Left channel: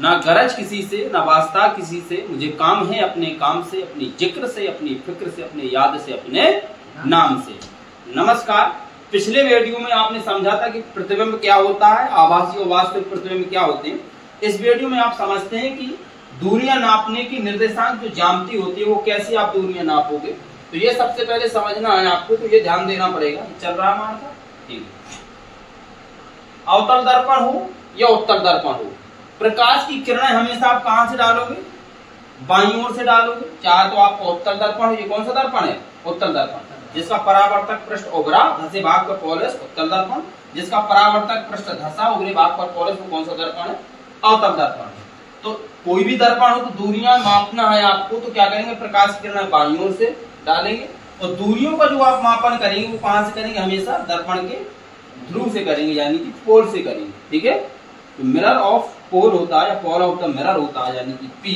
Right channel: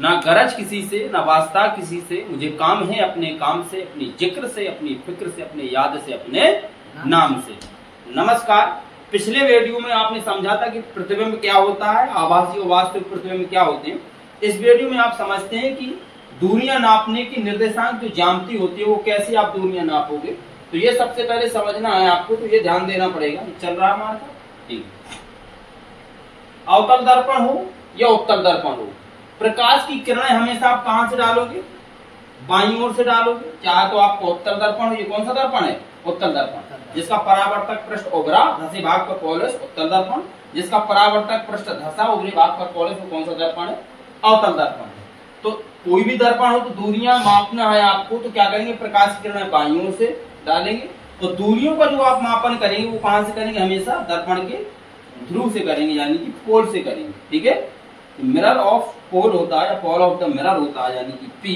ना गरज किसी से, ना वास्ता किसी से, मुझे काम है अपने काम से, अपनी जिक्र से, अपनी फिक्र से, अपने याद से, अपने नाम से। नमस्कार। पिछले वीडियो में आपने समझा था कि प्रतिबिंब क्या होता है, आभासी और वास्तविक प्रतिबिंब क्या होते हैं। इस वीडियो में आप समझते हैं कि दूरियां नापने की निर्देशांक जो ज्यामिति होती है वो कैसे आप दूरियां नापोगे। तो ये सबसे पहले समझना है आपको, तो ये ध्यान देना पड़ेगा। चल रहा है हमारे साथ, ठीक। अवतल दर्पण हो या उत्तल दर्पण हो, प्रकाश की किरणें हमेशा आप कहां से डालोगे? बाईं ओर से डालोगे। चाहे तो आपको उत्तल दर्पण हो, ये कौन सा दर्पण है? उत्तल दर्पण, जिसका परावर्तक पृष्ठ उभरा, धसे भाग पर पॉलिश, उत्तल दर्पण। जिसका परावर्तक पृष्ठ धसा, उभरे भाग पर पॉलिश, वो कौन सा दर्पण है? अवतल दर्पण है। तो कोई भी दर्पण हो तो दूरियां मापना है आपको, तो क्या करेंगे? प्रकाश की किरणें बाईं ओर से डालेंगे और दूरियों का जो आप मापन करेंगे वो कहां से करेंगे? हमेशा दर्पण के ध्रुव से करेंगे, यानी कि पोल से करेंगे, ठीक है। तो मिरर ऑफ पोल होता है या पोल ऑफ द मिरर होता है, यानी कि पी।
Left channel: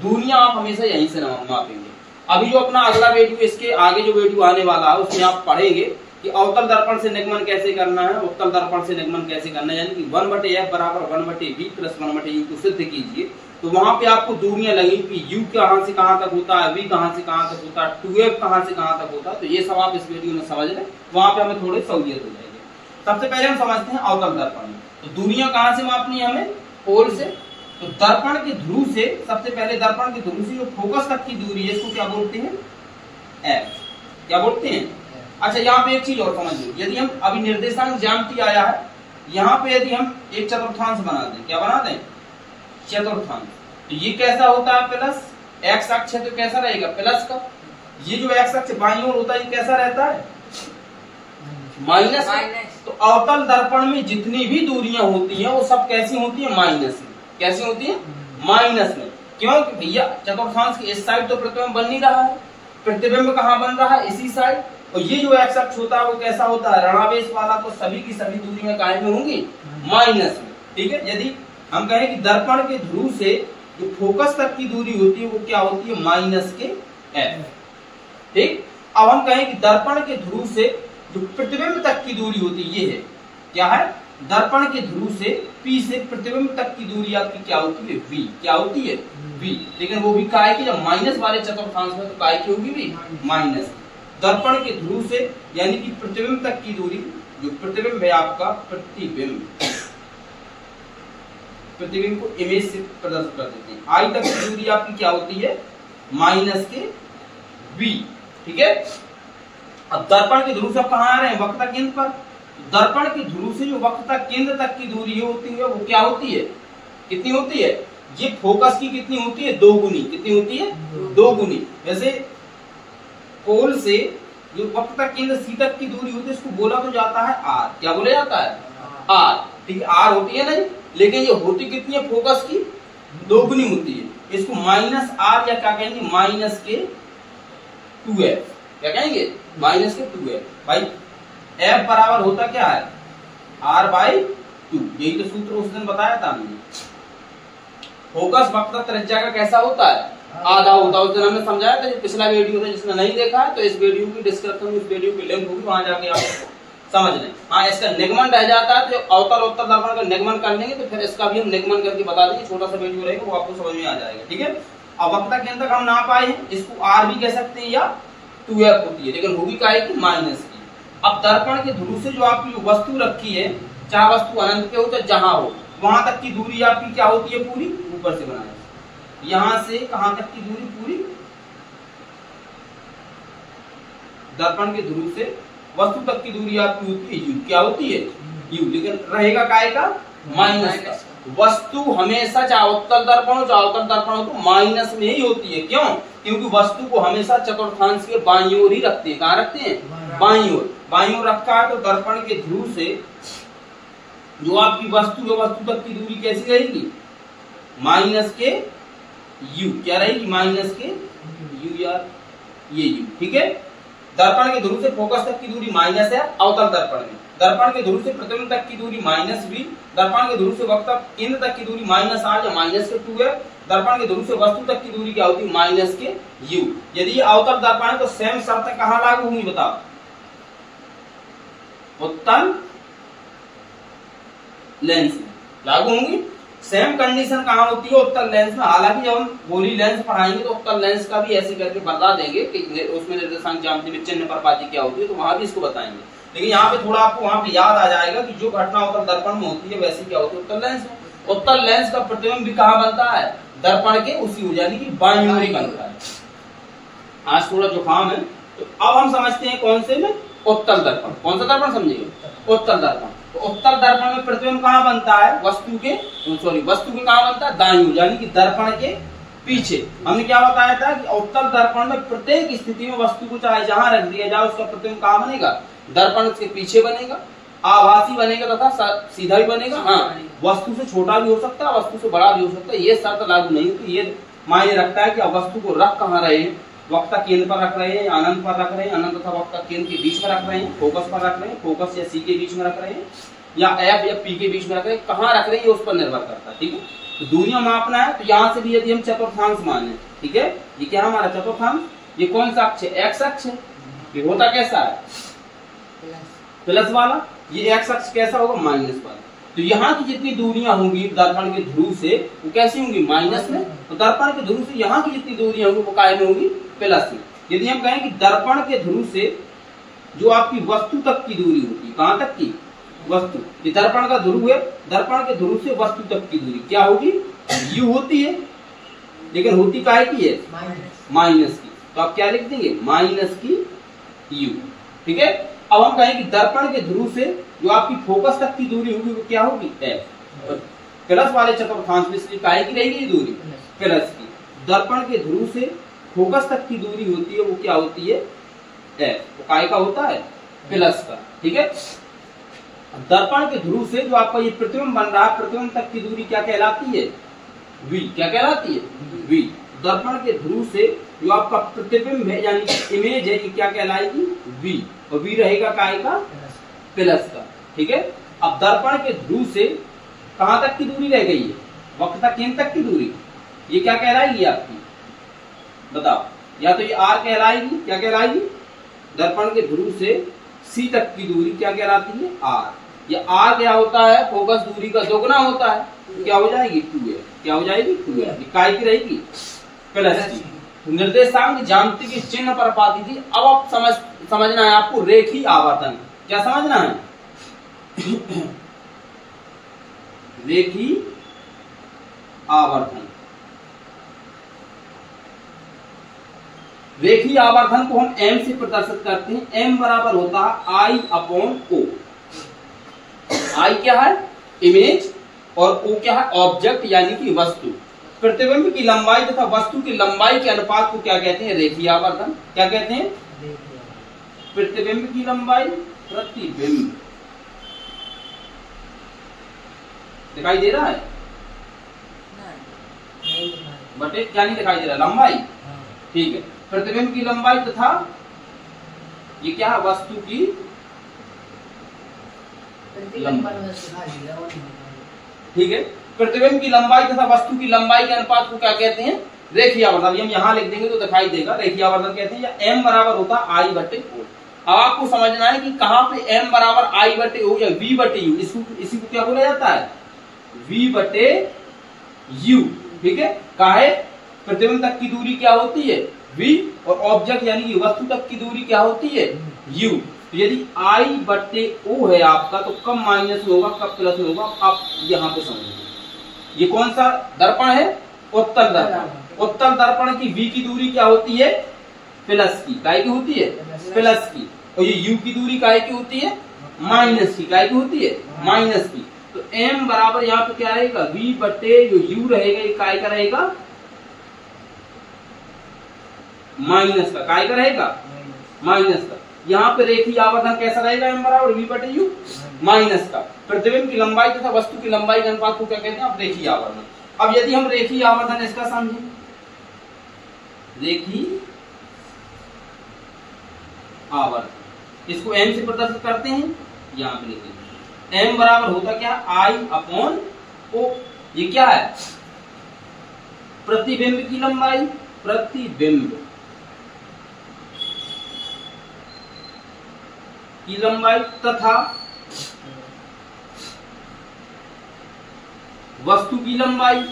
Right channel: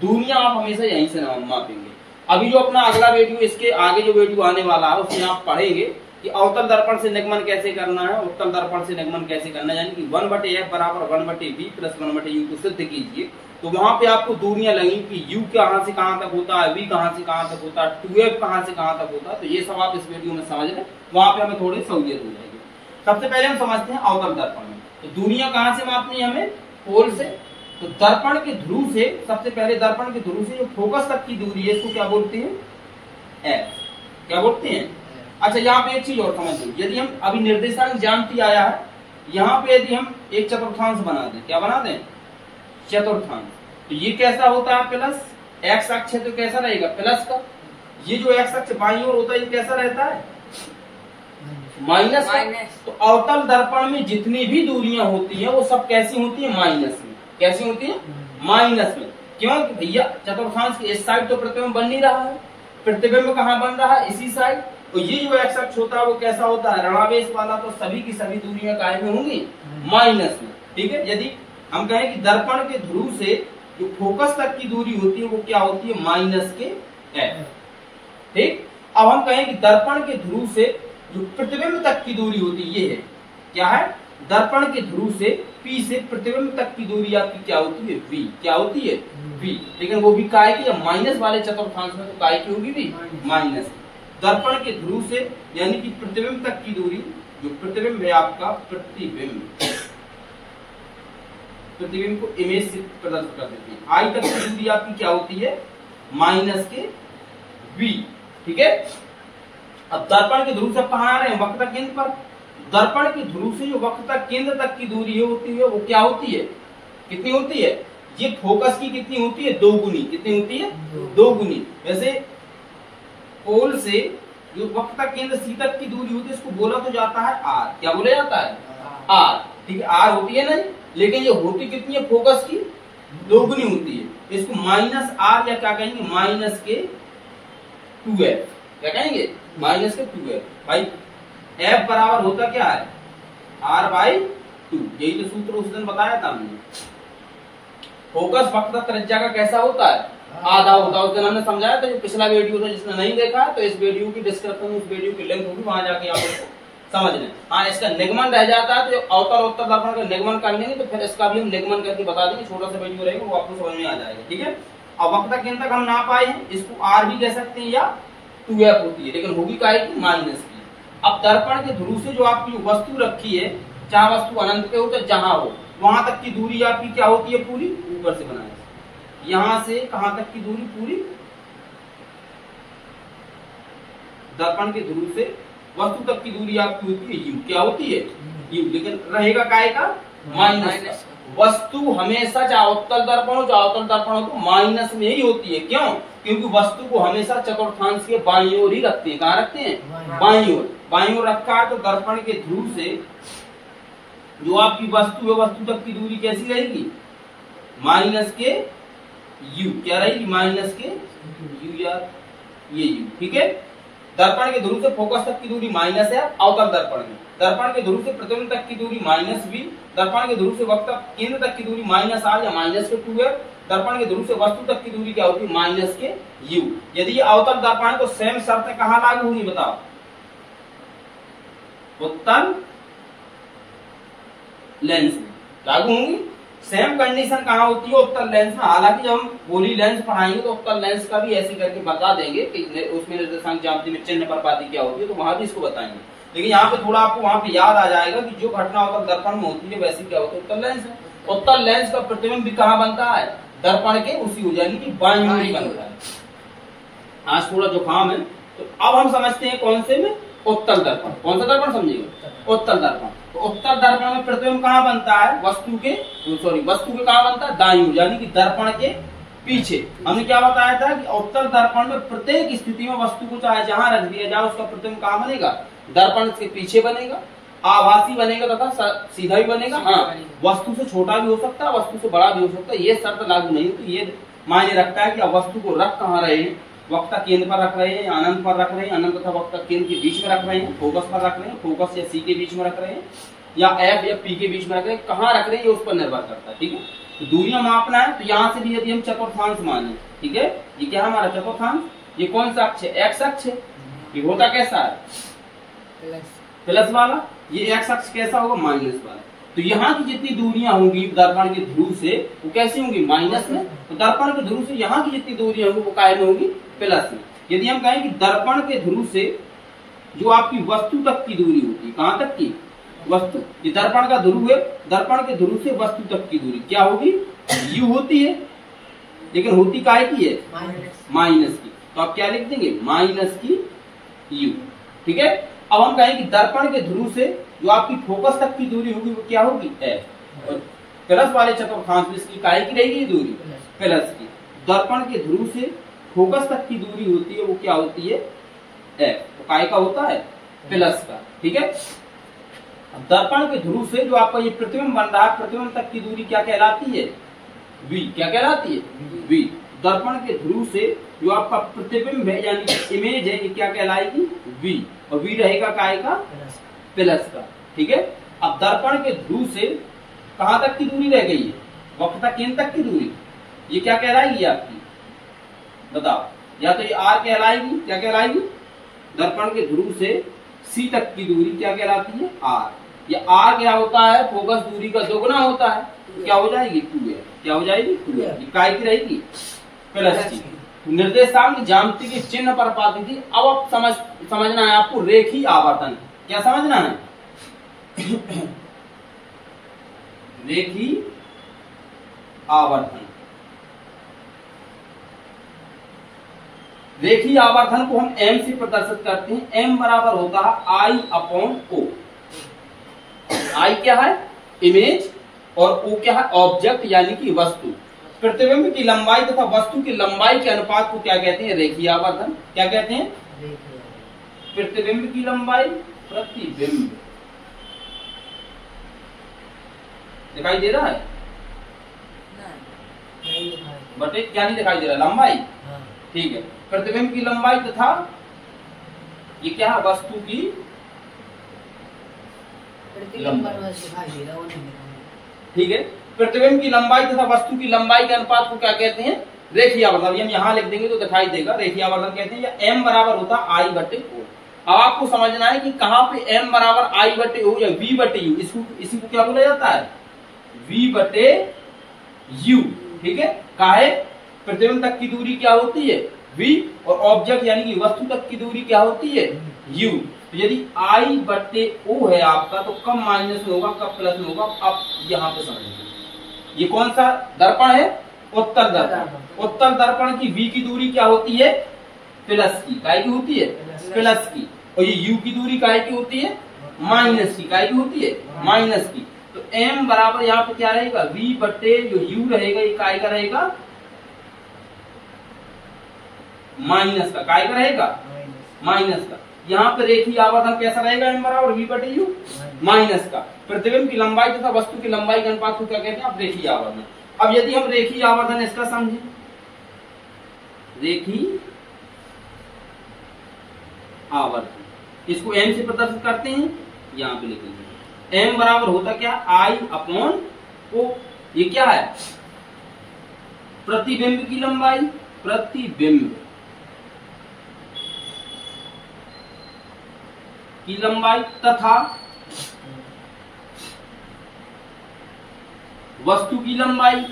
दूरियां आप हमेशा यहीं से मापेंगे। अभी जो अपना अगला वीडियो, इसके आगे जो वीडियो आने वाला है उसमें आप पढ़ेंगे कि अवतल दर्पण से निगमन कैसे करना है, उत्तल दर्पण से निगमन कैसे करना है, यानी कि 1/f बराबर 1/v प्लस 1/u को सिद्ध कीजिए। तो वहां पे आपको दूरियां लगेंगी कि u कहां से कहां तक होता है, v कहां से कहां तक होता है, 2f कहां से कहां तक होता है। तो ये सब आप इस वीडियो में समझ लें, वहां पे हमें थोड़ी सहूलियत हो जाएगी। सबसे पहले हम समझते हैं अवतल दर्पण में। तो दूरियां कहां से मापनी है हमें? पोल से। तो दर्पण के ध्रुव से, सबसे पहले दर्पण के ध्रुव से जो फोकस तक की दूरी है इसको क्या बोलते हैं? एफ। क्या बोलते हैं? अच्छा, यहाँ पे एक चीज और समझ लो। यदि हम अभी निर्देशांक ज्यामिति आया है, यहाँ पे यदि हम एक चतुर्थांश बना दें, क्या बना दें? चतुर्थांश। तो ये कैसा होता है? प्लस। एक्स अक्ष तो कैसा रहेगा? प्लस का। ये जो एक्स अक्ष बाईं ओर होता है ये कैसा रहता है? माइनस। तो अवतल दर्पण में जितनी भी दूरियां होती हैं वो सब कैसी होती है? माइनस में। कैसी होती है? माइनस में। क्यों? भैया चतुर्थांश की इस साइड तो प्रतिबिंब बन नहीं रहा है, प्रतिबिंब कहाँ बन रहा है? इसी साइड। और ये जो एक्स अक्ष होता है वो कैसा होता है? ऋणावेश वाला। तो सभी की सभी दूरियां काहे में होंगी? माइनस में, ठीक है। यदि हम कहें कि दर्पण के ध्रुव से जो फोकस तक की दूरी होती है वो क्या होती है? माइनस के एफ, ठीक। अब हम कहें कि दर्पण के ध्रुव से जो प्रतिबिंब तक की दूरी होती है ये है, क्या है? दर्पण के ध्रुव से P से प्रतिबिंब तक की दूरी आपकी क्या होती है? V। क्या होती है? V। लेकिन वो भी काय की, जब माइनस वाले चतुर्थांश में तो काय की होगी? भी माइनस। दर्पण के ध्रुव से यानी कि प्रतिबिंब तक की दूरी, जो प्रतिबिंब है आपका, प्रतिबिंब को इमेज से प्रदर्शित कर देते हैं। I तक की दूरी आपकी क्या होती है? माइनस के V, ठीक है। अब दर्पण के ध्रुव से कहां आ रहे हैं? वक्रता केंद्र पर। दर्पण के ध्रुव से जो वक्रता केंद्र तक की दूरी होती है वो क्या होती है? कितनी होती है? ये फोकस की कितनी होती है? 2 गुनी। कितनी होती है? 2 गुनी। वैसे पोल से जो वक्रता केंद्र C तक की दूरी होती है इसको बोला तो जाता है R। क्या बोला जाता है? R, ठीक है। R होती है ना, लेकिन ये होती कितनी है? फोकस की 2 गुनी होती है। इसको माइनस R या क्या कहेंगे? माइनस के 2f। क्या कहेंगे? माइनस के 2f। भाई f बराबर होता क्या है? R/2। यही तो सूत्र उस दिन बताया था हमने। फोकस वक्रता त्रिज्या का कैसा होता है? आधा होता है। उस दिन हमने समझाया था, जो पिछला वीडियो था, जिसने नहीं देखा है तो इस वीडियो की डिस्क्रिप्शन में इस वीडियो की लिंक होगी, वहां जाके आप इसको समझ लें। हाँ, इसका निगमन रह जाता है तो अवतल उत्तल दर्पण का निगमन कर लेंगे तो फिर इसका भी हम निगमन करके बता देंगे। छोटा सा वीडियो रहेगा, वो आपको समझ में आ जाएगा, ठीक है। अब वक्रता केंद्र तक हम ना पाए हैं, इसको R भी कह सकते हैं या 2f होती है, लेकिन होगी काय की? माइनस की। अब दर्पण के ध्रुव से जो आपकी जो वस्तु रखी है, चाहे वस्तु अनंत पे हो चाहे जहां हो, वहां तक की दूरी आपकी क्या होती है? पूरी ऊपर से बनाया, यहां से कहां तक की दूरी? पूरी दर्पण के ध्रुव से वस्तु तक की दूरी आपकी होती है u। क्या होती है? u। लेकिन रहेगा काय का? माइनस का। वस्तु हमेशा, चाहे उत्तल दर्पण हो चाहे अवतल दर्पण हो, तो माइनस में ही होती है। क्यों? क्योंकि वस्तु को हमेशा चतुर्थांश के बाईं ओर ही रखते हैं। कहां रखते हैं? बाईं ओर। बाईं ओर रखा है तो दर्पण के ध्रुव से जो आपकी वस्तु है, वस्तु तक की दूरी कैसी रहेगी? माइनस के u। क्या रहेगी? माइनस के u यार, ये u, ठीक है। दर्पण के ध्रुव से फोकस तक की दूरी माइनस है अवतल दर्पण में। दर्पण के ध्रुव से प्रतिबिंब तक की दूरी माइनस v। दर्पण के ध्रुव से वक्र केंद्र तक की दूरी माइनस R या माइनस के 2 है। दर्पण के ध्रुव से वस्तु तक की दूरी क्या होती है? माइनस के u। यदि ये अवतल दर्पण है तो सेम शर्त कहां लागू होंगी? बताओ। उत्तल लेंस में लागू होंगी। सेम कंडीशन कहाँ होती है? उत्तल लेंस में। हालांकि जब हम गोली लेंस पढ़ाएंगे तो उत्तल लेंस का भी ऐसे करके बता देंगे कि उसमें निर्देशांक ज्यामिति में चिन्ह परपाती क्या होती है, तो वहां भी इसको बताएंगे। लेकिन यहाँ पे थोड़ा आपको वहां पे याद आ जाएगा कि जो घटना उत्तल दर्पण में होती है वैसी क्या होती है उत्तल लेंस में। उत्तल लेंस का प्रतिबिंब भी कहाँ बनता है? दर्पण के उसी ओर, यानी कि बाईं ओर बनता है। आज थोड़ा जुकाम है, तो अब हम समझते हैं कौन से में? उत्तल दर्पण। कौन सा दर्पण समझिएगा? उत्तल दर्पण। तो उत्तल दर्पण में प्रतिबिंब कहाँ बनता है? वस्तु के कहाँ बनता है? दाईं ओर, यानी कि दर्पण के पीछे। हमने क्या बताया था कि उत्तल दर्पण में प्रत्येक स्थिति में वस्तु को चाहे जहां रख दिया जाए उसका प्रतिबिंब कहाँ बनेगा? दर्पण के पीछे बनेगा, आभासी बनेगा तथा सीधा भी बनेगा। हाँ, वस्तु से छोटा भी हो सकता है, वस्तु से बड़ा भी हो सकता है, ये शर्त लागू नहीं होती। ये मायने रखता है कि अब वस्तु को रख कहाँ रहे हैं, वक्ता केंद्र पर रख रहे हैं, अनंत पर रख रहे हैं, अनंत तथा वक्ता केंद्र के बीच में रख रहे हैं, फोकस पर रख रहे हैं, फोकस या सी के बीच में रख रहे हैं, या एफ या पी के बीच में रख रहे हैं, कहाँ रख रहे हैं ये उस पर निर्भर करता है। ठीक है, तो दूरियां मापना है, तो यहाँ से भी यदि हम चतुर्थांश माने, ठीक है, ये क्या हमारा चतुर्थांश, ये कौन सा अक्ष है? एक्स अक्ष है। ये होता कैसा है? प्लस वाला। ये एक्स अक्ष कैसा होगा? माइनस वाला। तो यहाँ की जितनी दूरियां होंगी दर्पण के ध्रुव से वो कैसी होंगी? माइनस में। तो दर्पण के ध्रुव से यहाँ की जितनी दूरियां होंगी वो काय में होगी? प्लस में। यदि हम कहें कि दर्पण के ध्रुव से जो आपकी वस्तु तक की दूरी होती है, कहाँ तक की? वस्तु। ये दर्पण का ध्रुव है, दर्पण के ध्रुव से वस्तु तक की दूरी क्या होगी? यू होती है, लेकिन होती काहे की है? माइनस की। तो आप क्या लिख देंगे? माइनस की यू। ठीक है, अब हम कहें कि दर्पण के ध्रुव से जो आपकी फोकस तक की दूरी होगी वो क्या होगी? एफ। और प्लस वाले चतुर्थांश में इसलिए काहे की रहेगी ये दूरी? प्लस की। दर्पण के ध्रुव से फोकस तक की दूरी होती है वो क्या होती है? एफ। तो काय का होता है? प्लस का। ठीक है, दर्पण के ध्रुव से जो आपका ये प्रतिबिंब बन रहा है, प्रतिबिंब तक की दूरी क्या कहलाती है? वी। क्या कहलाती है? वी। दर्पण के ध्रुव से जो आपका प्रतिबिंब है यानी इमेज है ये क्या कहलाएगी? वी। और वी रहेगा काय का? प्लस का। ठीक है, अब दर्पण के ध्रुव से कहां तक की दूरी रह गई है? वक्रता केंद्र तक की दूरी, ये क्या कहलाएगी आपकी? बताओ। या तो ये आर कहलाएगी, क्या कहलाएगी? दर्पण के ध्रुव से सी तक की दूरी क्या कहलाती है? आर। ये आर क्या होता है? फोकस दूरी का दोगुना होता है, तो क्या हो जाएगी? 2a। क्या हो जाएगी? 2a। काय की रहेगी? प्लस की। निर्देशांक ज्यामिति की चिन्ह पर पाती थी। अब आप समझना है आपको रेखी आवर्तन। क्या समझना है? रेखी आवर्तन। रेखी आवर्तन को हम m से प्रदर्शित करते हैं। m बराबर होता है I अपॉन O। I क्या है? इमेज, और O क्या है? ऑब्जेक्ट यानी कि वस्तु। प्रतिबिंब की लंबाई तथा वस्तु की लंबाई के अनुपात को क्या कहते हैं? रेखीय आवर्तन। क्या कहते हैं? प्रतिबिंब की लंबाई, प्रतिबिंब दिखाई दे रहा है? बटे क्या नहीं दिखाई दे रहा? लंबाई। ठीक है, प्रतिबिंब की लंबाई तथा ये क्या है? वस्तु की लंबाई। ठीक है, प्रतिबिंब की लंबाई तथा वस्तु की लंबाई के अनुपात को क्या कहते हैं? रेखीय आवर्तन। अभी हम यहाँ लिख देंगे तो दिखाई देगा। रेखीय आवर्तन कहते हैं, या m बराबर होता है I बटे O। अब आपको समझना है कि कहाँ पे m बराबर I बटे O या V बटे U, इसी को क्या बोला जाता है? V बटे U। ठीक है, काहे? प्रतिबिंब तक की दूरी क्या होती है? V, और ऑब्जेक्ट यानी कि वस्तु तक की दूरी क्या होती है? U। तो यदि I बटे O है आपका, तो कब माइनस में होगा, कब प्लस में होगा, आप यहाँ पे समझिए। ये कौन सा दर्पण है? उत्तल दर्पण। उत्तल दर्पण की V की दूरी क्या होती है? प्लस की। काय की होती है? प्लस की। और ये U की दूरी काय की होती है? माइनस की। काय की होती है? माइनस की। तो m बराबर यहाँ पे क्या रहेगा? V बटे जो U रहेगा ये काय का रहेगा? माइनस का। काय का रहेगा? माइनस का। यहाँ पे रेखीय आवर्तन कैसा रहेगा? m बराबर V बटे U माइनस का। प्रतिबिंब की लंबाई तथा वस्तु की लंबाई के अनुपात को क्या कहते हैं? आप रेखीय आवर्तन। अब यदि हम रेखीय आवर्तन इसका समझें, रेखीय आवर्तन इसको m से प्रदर्शित करते हैं, यहाँ पे लिखेंगे। m बराबर होता क्या? I upon O। ये क्या है? प्रतिबिंब की लंबाई, प्रतिबिंब की लंबाई तथा वस्तु की लंबाई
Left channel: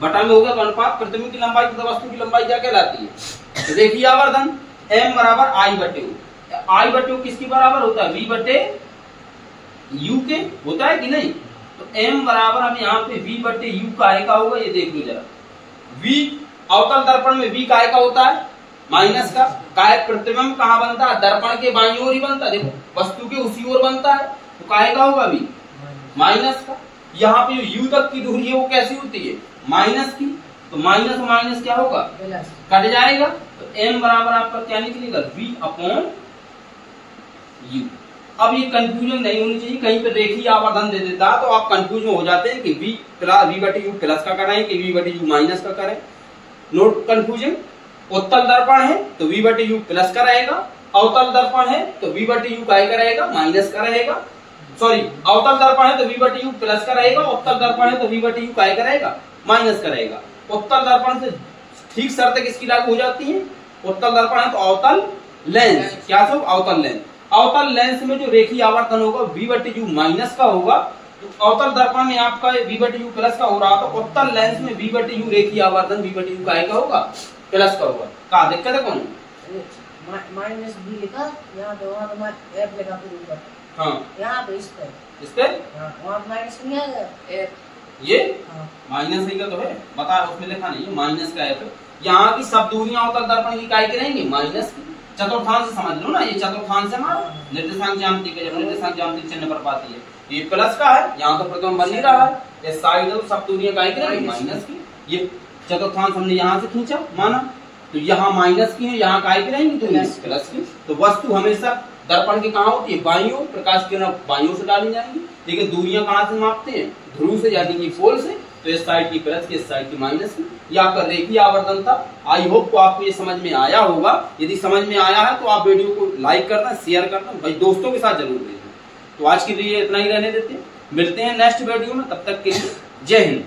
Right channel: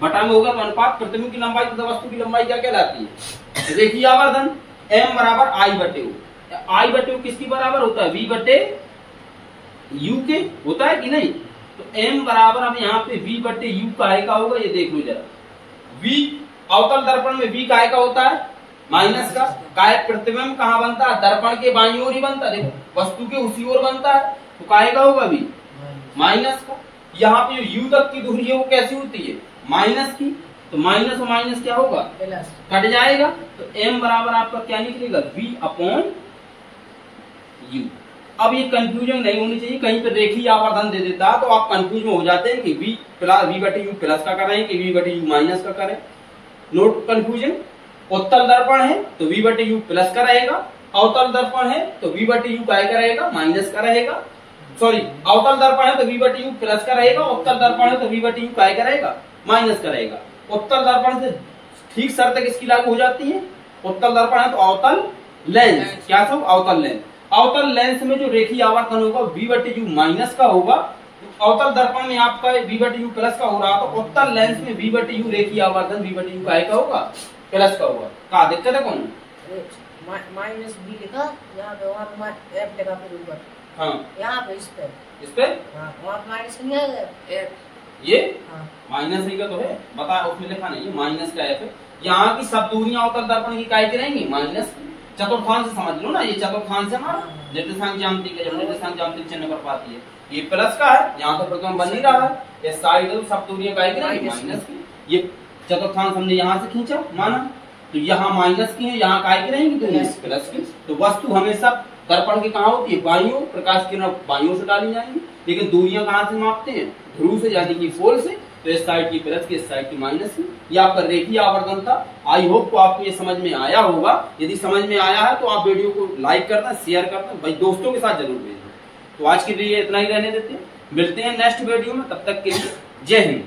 बटा में होगा तो अनुपात प्रतिबिंब की लंबाई तथा वस्तु की लंबाई क्या कहलाती है? रेखीय आवर्धन। m बराबर आई बटे ओ। आई बटे ओ किसकी बराबर होता है? v बटे u के होता है कि नहीं? तो m बराबर अब यहाँ पे v बटे u काय का होगा, ये देख लो जरा। v अवतल दर्पण में v काय का होता है? माइनस का। काय प्रतिबिंब कहाँ बनता है? दर्पण के बाईं ओर ही बनता है, देखो वस्तु के उसी ओर बनता है, तो काय का होगा v? माइनस का। यहाँ पे जो u तक की दूरी है वो कैसी होती है? माइनस की। तो माइनस और माइनस क्या होगा? कट जाएगा। तो m बराबर आपका क्या निकलेगा? v upon u। अब ये कंफ्यूजन नहीं होनी चाहिए, कहीं पे रेखीय आवर्धन दे देता तो आप कंफ्यूज में हो जाते हैं कि v बटे u प्लस का करें कि v बटे u माइनस का करें। Note confusion. उत्तल दर्पण है तो v बटे u प्लस का रहेगा, अवतल दर्पण है तो v बटे u काय का रहेगा? माइनस का रहेगा। सॉरी, अवतल दर्पण है तो v बटे u प्लस का रहेगा, उत्तल दर्पण है तो v बटे u काय का रहेगा? माइनस का रहेगा। उत्तल दर्पण से ठीक शर्त किसकी लागू हो जाती है? उत्तल दर्पण है तो अवतल लेंस, क्या सब? अवतल लेंस। अवतल लेंस में जो रेखीय आवर्तन होगा v बटे u माइनस का होगा, तो अवतल दर्पण में आपका v बटे u प्लस का हो रहा, तो उत्तल लेंस में v बटे u रेखीय आवर्तन v बटे u काय का होगा? प्लस का होगा। क्या दिक्कत है? कौन माइनस b लिखा, यहाँ तो वहाँ f लिखा फिर ऊपर। हाँ, यहाँ पे इस पे वहाँ माइनस नहीं है f, ये माइनस नहीं का तो है, बता उसमें लिखा नहीं है माइनस का f। यहाँ की सब दूरियां अवतल दर्पण की काय की रहेंगी? माइनस की। चतुर्थांश समझ लो ना, ये चतुर्थांश है हमारा निर्देशांक ज्यामिति का, जब निर्देशांक ज्यामिति चिन्ह पर पाती है ये प्लस का है, यहाँ तो प्रतिबिंब बन नहीं रहा है, ये साइड सब दूरियां काय की रहेंगी? माइनस की। ये चतुर्थांश हमने यहाँ से खींचा माना, तो यहाँ माइनस की है, यहाँ काय की रहेंगी? दूरी प्लस की। तो वस्तु हमेशा दर्पण की कहाँ होती है? बाईं ओर। प्रकाश किरण बाईं ओर से डाली जाएंगी, लेकिन दूरियां कहाँ से मापते हैं? ध्रुव से, यानी कि पोल से। तो इस साइड की प्लस की, इस साइड की माइनस की। ये आपका रेखीय आवर्धन था। आई होप को आपको ये समझ में आया होगा। यदि समझ में आया है तो आप वीडियो को लाइक करना, शेयर करना, भाई दोस्तों के साथ जरूर भेजना। तो आज के लिए इतना ही रहने देते हैं, मिलते हैं नेक्स्ट वीडियो में, तब तक के लिए जय हिंद।